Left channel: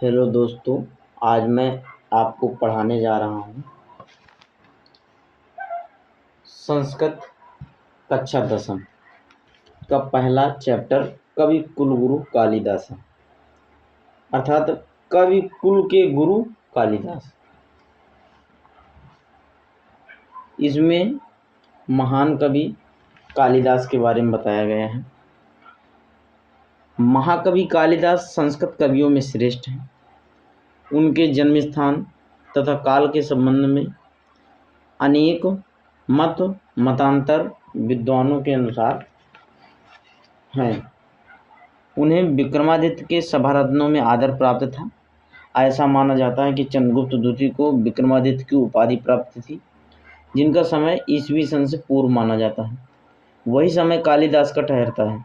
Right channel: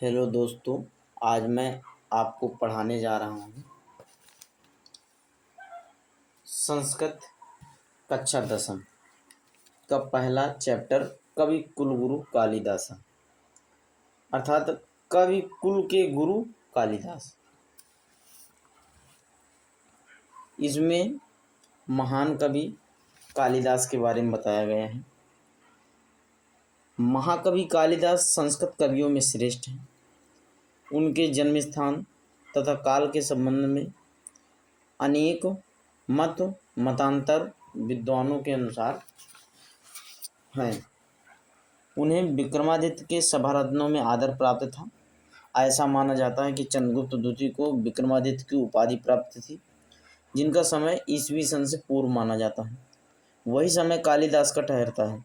Hello दोस्तों, आज मैं आपको पढ़ाने जा रहा हूँ संस्कृत कक्षा 10वीं का पहला चैप्टर कवि कुलगुरु कालिदास, अर्थात कवि कुल के गुरु कालिदास। इसमें महान कवि कालिदास के बारे में बताया गया है। महाकवि कालिदास संस्कृत कवियों में श्रेष्ठ हैं। उनके जन्म स्थान तथा काल के संबंध में अनेक मतांतर विद्वानों के अनुसार हैं। उन्हें विक्रमादित्य के सभारत्नों में आदर प्राप्त था। ऐसा माना जाता है कि चंद्रगुप्त द्वितीय को विक्रमादित्य की उपाधि प्राप्त थी, जिनका समय ईस्वी सन से पूर्व माना जाता है। वही समय कालिदास का ठहरता है।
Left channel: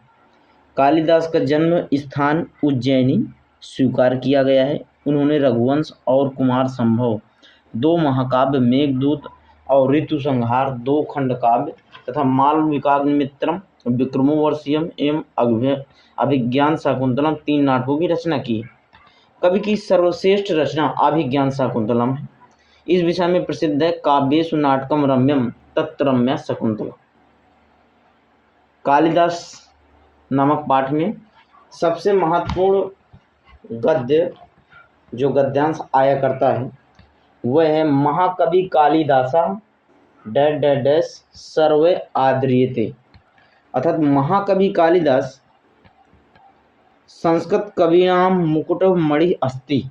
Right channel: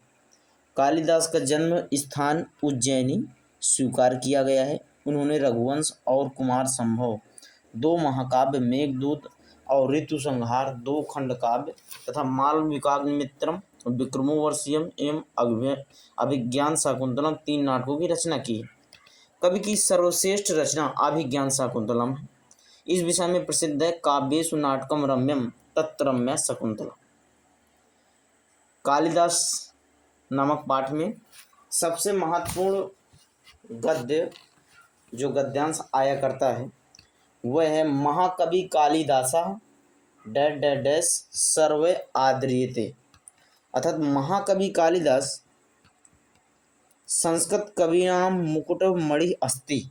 कालिदास का जन्म स्थान उज्जैनी स्वीकार किया गया है। उन्होंने रघुवंश और कुमार संभव 2 महाकाव्य, मेघदूत और ऋतु संहार 2 खंड काव्य तथा मालविकाग्निमित्रम, विक्रमोर्वशीयम एवं अभिज्ञान शाकुंतलम 3 नाटकों की रचना की। कवि की सर्वश्रेष्ठ रचना अभिज्ञान शाकुंतलम है। इस विषय में प्रसिद्ध है काव्येषु नाटकम रम्यम तत्र रम्या शकुंतला। कालिदास नामक पाठ में सबसे महत्वपूर्ण गद्य जो गद्यांश आया करता है वह है महाकवि कालिदासा डैश डैश डैश सर्वे आद्रियते, अर्थात महाकवि कालिदास संस्कृत कवीनां मुकुटमणि अस्ति।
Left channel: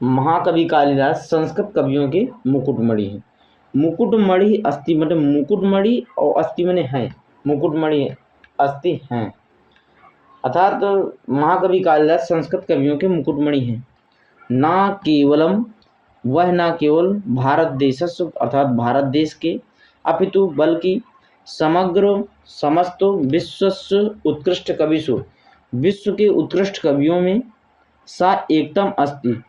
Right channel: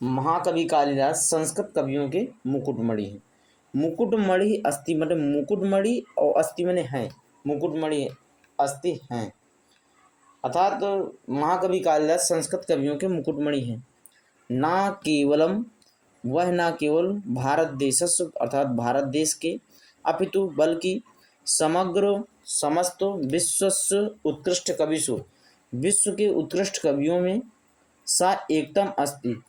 महाकवि कालिदास संस्कृत कवियों के मुकुटमणि है। मुकुटमणि अस्ति मतलब मुकुटमणि और अस्ति मने है, मुकुटमणि अस्ति हैं, अर्थात महाकवि कालिदास संस्कृत कवियों के मुकुटमणि हैं। ना केवलम वह न केवल भारत देशस्व अर्थात भारत देश के अपितु बल्कि समग्र समस्त विश्वस्व उत्कृष्ट कविषु विश्व के उत्कृष्ट कवियों में सा एकदम अस्ति।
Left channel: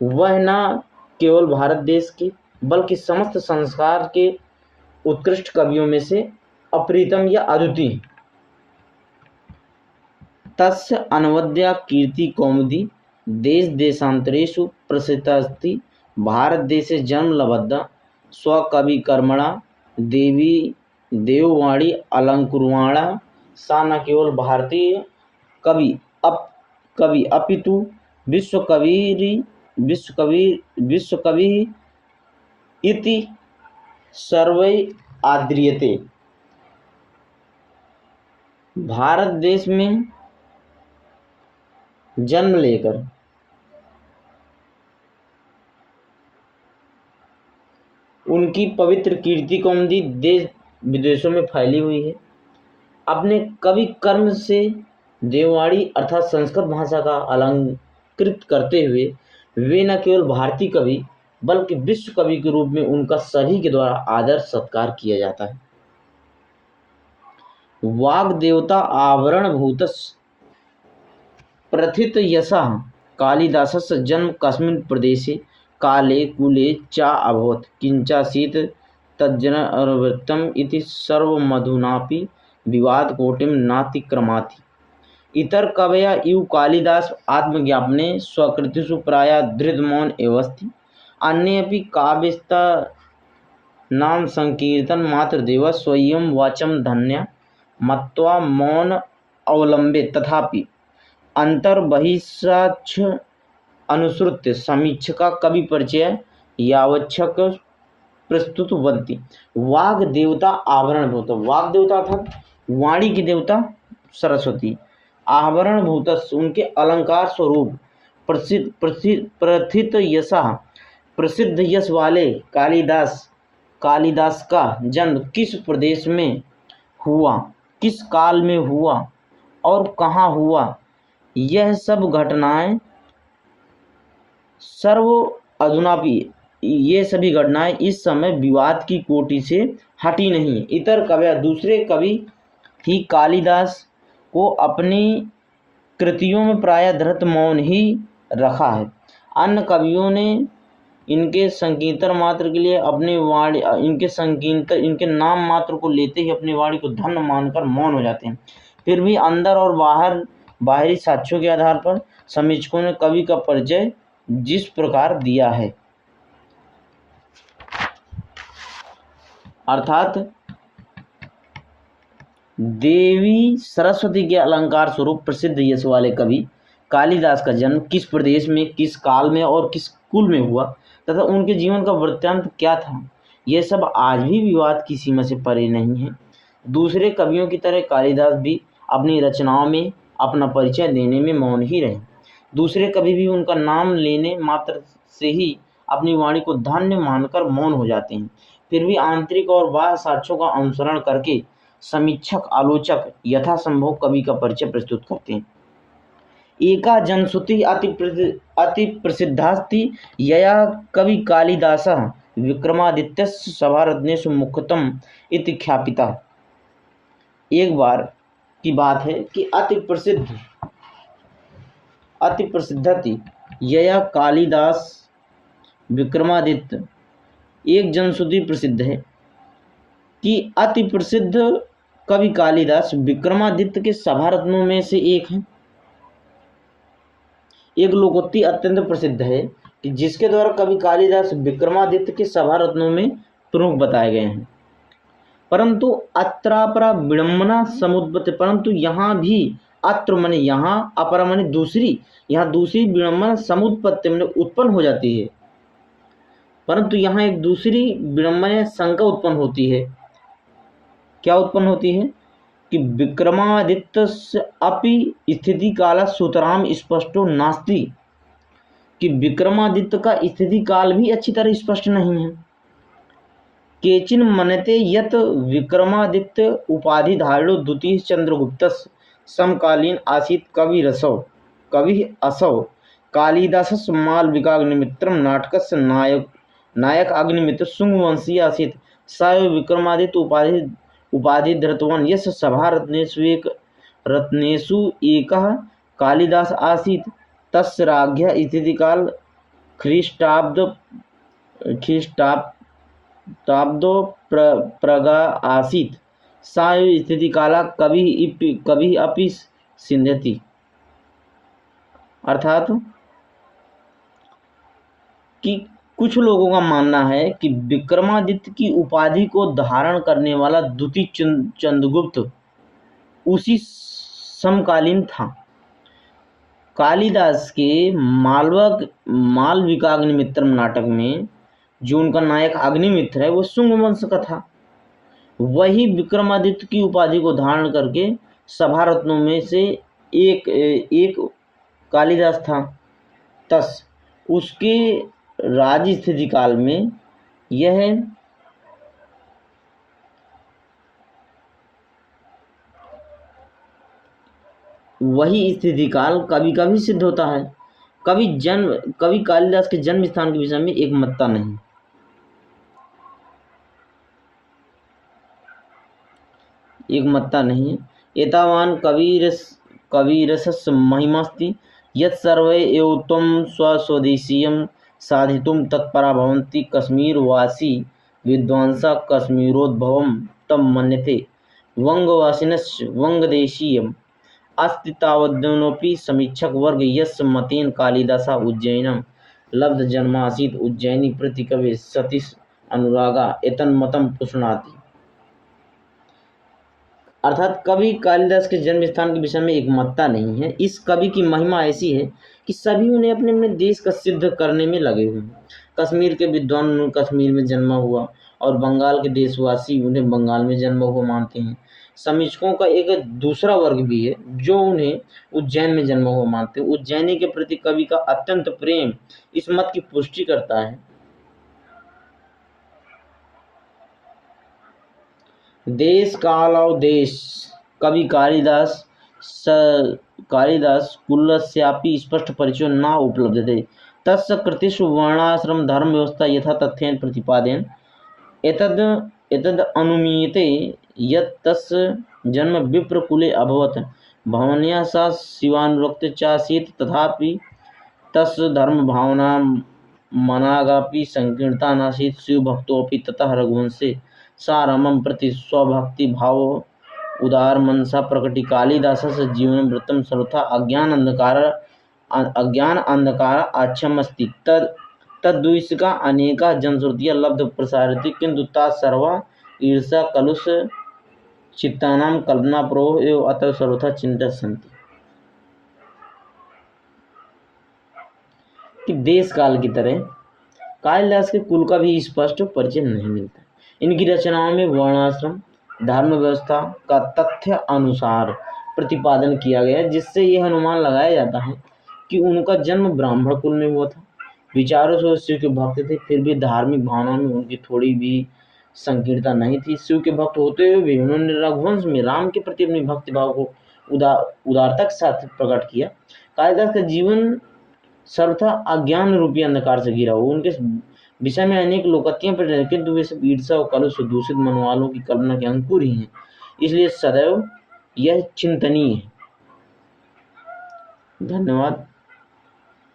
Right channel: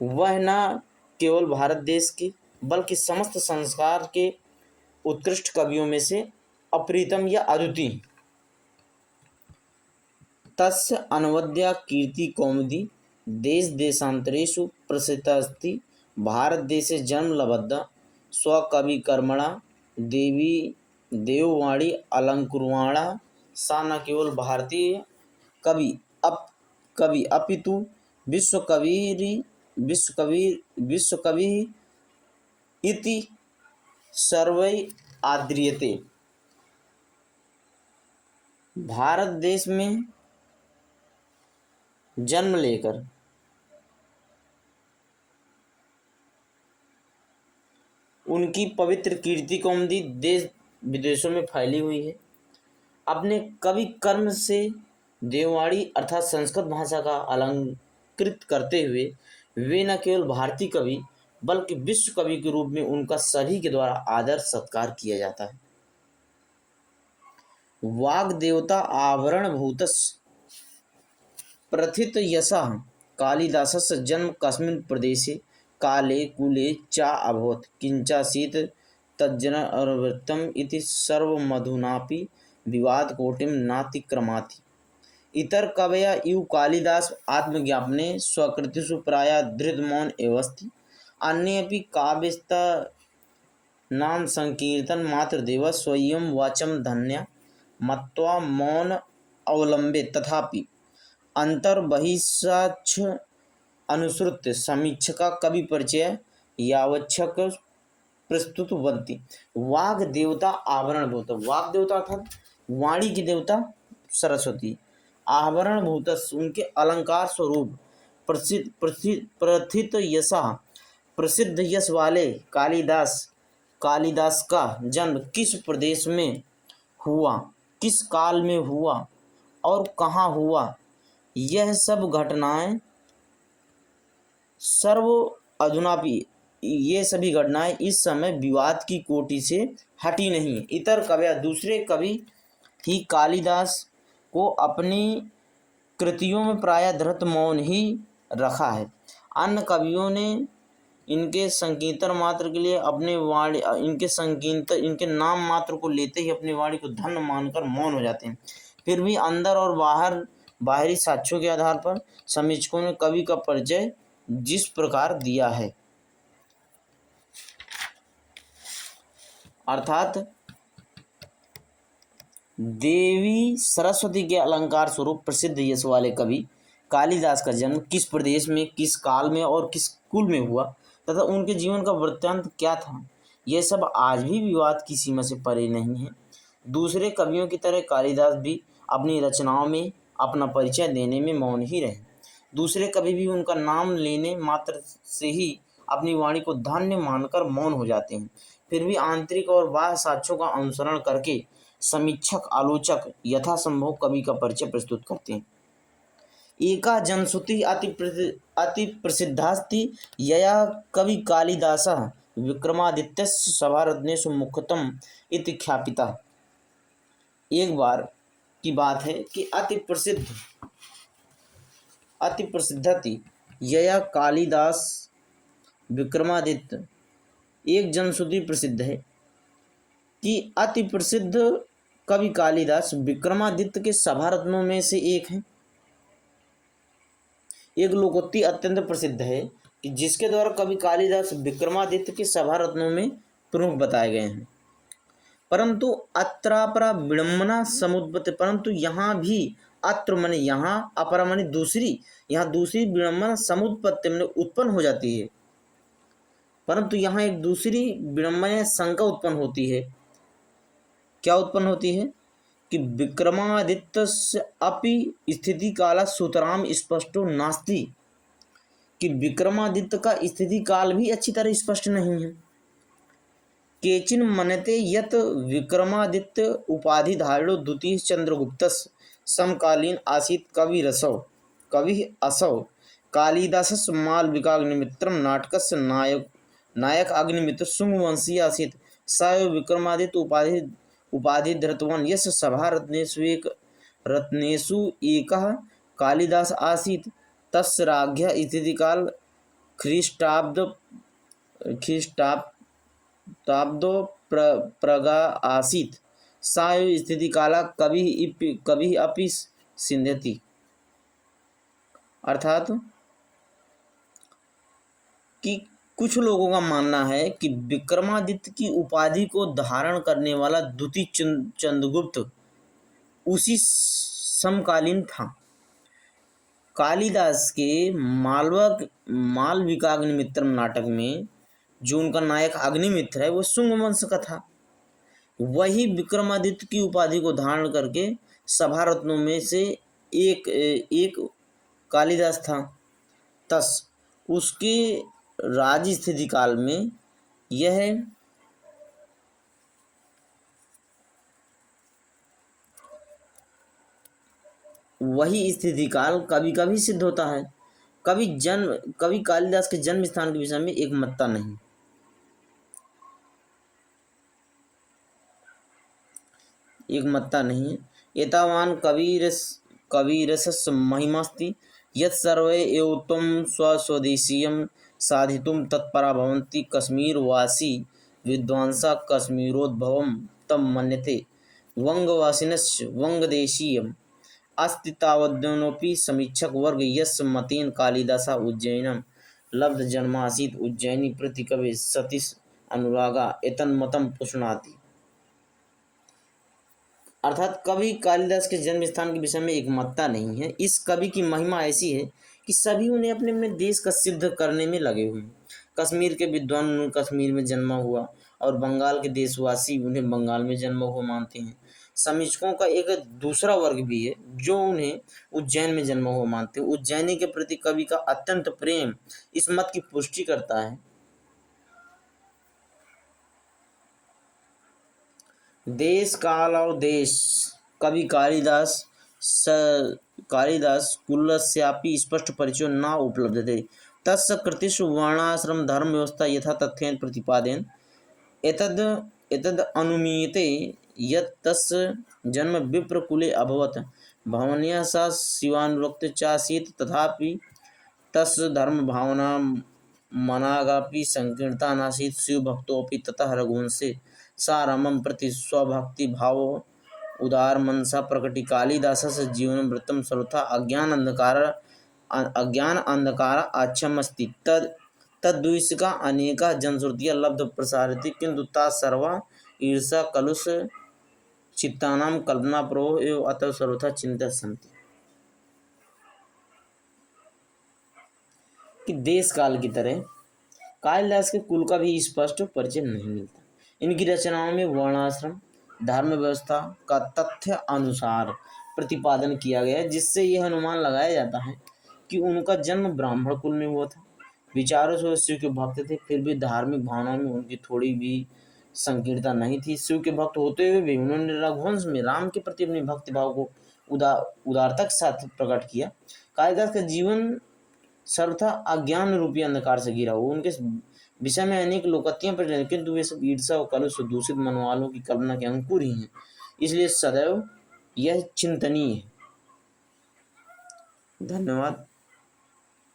वह न केवल भारत देश के बल्कि समस्त संसार के उत्कृष्ट कवियों में से अप्रीतम या अद्वितीय। तस्य अनवद्या कीर्ति कौमुदी देश देशांतरेषु प्रसिद्धास्ति। भारत देशे जन्म लब्धा स्वकवि कर्मणा देवी देववाणी अलंकुर्वाणा। सा न केवल भारतीय कवि अपितु विश्वकवि इति सर्वै आद्रियते। भारत देश में जन्म लेकर उनकी पवित्र कीर्ति कौमुदी देश विदेशों में फैली हुई है। अपने कवि कर्म से देववाणी अर्थात संस्कृत भाषा का अलंकृत करते हुए वे न केवल भारतीय कवि बल्कि विश्व कवि के रूप में उनका सभी के द्वारा आदर सत्कार किया जाता है। वाग् देवता आवरण भूतस् प्रथित यशः कालिदासस्य जन्म कस्मिन् प्रदेशे काले कुले चा अभवत् किंचासीत् तज्जनवृत्तम् इति सर्वमधुनापि विवाद कोटिं नातिक्रमाति। इतर कवया इव कालिदास आत्मज्ञापने स्वकृतिषु प्रायः धृतमौन एवस्ति। अन्येऽपि काव्यस्तानां संकीर्तन मात्रदेव स्वयं वाचं धन्या मत्वा मौन अवलंबे। तथापि अंतर्बहिष्याच्छ अनुसृत्य समीक्षका कवि परिचय यावच्छक प्रस्तुत बनती। वाग देवता आवरण भूत, वाग देवता अर्थात वाणी की देवता सरस्वती, आवरण भूत उनके अलंकार स्वरूप, प्रथित यशा प्रसिद्ध यश वाले कालिदास का जन्म किस प्रदेश में हुआ, किस काल में हुआ और कहाँ हुआ, यह सब घटनाएं ये सभी घटनाएं इस समय विवाद की कोटि से हटी नहीं। इतर कवि दूसरे कवि ही कालिदास को अपनी कृतियों में प्रायः धृत मौन ही रखा है। अन्य कवियों ने इनके संकीर्तन मात्र के लिए अपने वाणी इनके नाम मात्र को लेते ही अपनी वाणी को धन्य मानकर मौन हो जाते हैं। फिर भी अंदर और बाहर बाहरी साक्ष्यों के आधार पर समीक्षकों ने कवि का परिचय जिस प्रकार दिया है, अर्थात देवी सरस्वती के अलंकार स्वरूप प्रसिद्ध यश वाले कवि कालिदास का जन्म किस प्रदेश में, किस काल में और किस कुल में हुआ तथा उनके जीवन का वृत्तांत क्या था, यह सब आज भी विवाद की सीमा से परे नहीं है। दूसरे कवियों की तरह कालिदास भी अपनी रचनाओं में अपना परिचय देने में मौन ही रहे। दूसरे कवि भी उनका नाम लेने मात्र से ही अपनी वाणी को धन्य मानकर मौन हो जाते हैं। फिर भी आंतरिक और बाह्य साक्ष्यों का अनुसरण करके समीक्षक आलोचक यथासंभव कवि का परिचय प्रस्तुत करते हैं। एका जनश्रुति अति प्रसिद्धास्ति यया कवि कालिदासः विक्रमादित्यस्य सभारत्नेषु मुख्यतम इति ख्यापिता। एक बार की बात है कि अति प्रसिद्धति यया कालिदास विक्रमादित्य, एक जनश्रुति प्रसिद्ध है कि अति प्रसिद्ध कवि कालिदास विक्रमादित्य के सभारत्नों में से एक हैं। एक लोकोक्ति अत्यंत प्रसिद्ध है कि जिसके द्वारा कवि कालिदास विक्रमादित्य के सभारत्नों में प्रमुख बताए गए हैं। परंतु अत्रापरा विडम्बना समुद्भवते, परंतु यहाँ भी अत्र माने यहाँ, अपरा माने दूसरी, यहाँ दूसरी विडम्बना समुत्पत्ति माने उत्पन्न हो जाती है। परंतु यहाँ एक दूसरी विडम्बना शंका उत्पन्न होती है। क्या उत्पन्न होती है कि विक्रमादित्यस्य अपि स्थिति काल सुतराम स्पष्टो नास्ति, कि विक्रमादित्य का स्थिति काल भी अच्छी तरह स्पष्ट नहीं है। केचिन मनते यत विक्रमादित्य उपाधिधारिणो द्वितीय चंद्रगुप्तस्य समकालीन आसीत् कवि असौ कालिदासस्य मालविकाग्निमित्रं नाटकस्य नायक अग्निमित्र शुंगवंशीय आसीत् स एव विक्रमादित्य उपाधि धृतवान् यस्य सभारत्नेषु एकः कालिदास आसीत् तस्य राज्ञः स्थितिकाल ख्रीष्टाब्दो प्रगा आसीत् सा एव स्थितिकाला कवि अपि सिंध्यति। अर्थात कि कुछ लोगों का मानना है कि विक्रमादित्य की उपाधि को धारण करने वाला द्वितीय चंद्रगुप्त उसी समकालीन था। कालिदास के मालविकाग्निमित्रम नाटक में जो उनका नायक अग्निमित्र है वो शुंग वंश का था। वही विक्रमादित्य की उपाधि को धारण करके सभारत्नों में से एक कालिदास था। तस उसके राज स्थिति काल में यह वही स्थिति काल कवि का भी सिद्ध होता है। कवि कालिदास के जन्म स्थान के विषय में एक मत्ता नहीं है। एतावान कविरसस्य महिमास्ति यत् सर्वे एव त्वं स्वस्वदेशीयं साधितुं तत्परा भवन्ति कश्मीरवासी विद्वांसः कश्मीरोद्भवं तं मन्यते वंगवासिनस्य वंगदेशीयम् अस्ति तावद्यनोपि समीक्षक वर्ग यस्य मतेन कालिदासः उज्जैनं लब्धजन्मासीत् उज्जैनी प्रति कवि सतीश अनुरागा एतन्मतं पुष्णाति। अर्थात कवि कालिदास के जन्म स्थान के विषय में एक मत्ता नहीं है। इस कवि की महिमा ऐसी है कि सभी उन्हें अपने अपने देश का सिद्ध करने में लगे हुए हैं। कश्मीर के विद्वान उन्हें कश्मीर में जन्मा हुआ और बंगाल के देशवासी उन्हें बंगाल में जन्मा हुआ मानते हैं। समीक्षकों का एक दूसरा वर्ग भी है जो उन्हें उज्जैन में जन्मा हुआ मानते हैं। उज्जैनी के प्रति कवि का अत्यंत प्रेम इस मत की पुष्टि करता है। देश काल और देश कवि कालिदास कुलस्यापि स्पष्ट परिचय न उपलभ्यते तस्य कृतिषु वर्णाश्रम धर्म व्यवस्था यथा तथ्येन प्रतिपादयन् एतद् अनुमीयते यत् तस्य जन्म विप्रकुले अभवत् भावनया सा शिवानुरक्ति चासीत् तथापि तस्य धर्म भावना मनागापि संकीर्णता नासीत् शिवभक्तोऽपि ततः रघुवंशे सा रामं प्रति स्वभक्ति भाव उदार मनसा प्रकटी कालिदासस्य जीवन वृत्तं सर्वथा अज्ञान अंधकार आच्छमस्ति तद्विषका अनेका जनश्रुतियाँ लब्ध प्रसारित किंतु ता सर्वा ईर्षा कलुष चित्तानां कल्पना प्रोह एवं अतः सर्वथा चिंतित सन्ति। कि देश काल की तरह कालिदास के कुल का भी स्पष्ट परिचय नहीं मिलता। इनकी रचनाओं में वर्णाश्रम धर्म व्यवस्था का तथ्य अनुसार प्रतिपादन किया गया, जिससे यह अनुमान लगाया जाता है कि उनका जन्म ब्राह्मण कुल में हुआ था। विचारों से शिव के भक्त थे, फिर भी धार्मिक भावनाओं में उनकी थोड़ी भी संकीर्णता नहीं थी। शिव के भक्त होते हुए भी उन्होंने रघुवंश में राम के प्रति अपने भक्ति भाव को उदारता के साथ प्रकट किया। कालिदास का जीवन सर्वथा अज्ञान रूपी अंधकार से घिरा हुआ। उनके विषय में अनेक लोकोक्तियां प्रचलित हैं, किंतु वे सब ईर्षा और कलुष दूषित मन वालों की कल्पना के अंकुर ही हैं। इसलिए सदैव यह चिंतनीय है। धन्यवाद।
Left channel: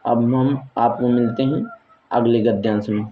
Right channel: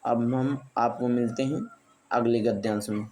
अब हम आपको मिलते हैं अगले गद्यांश में।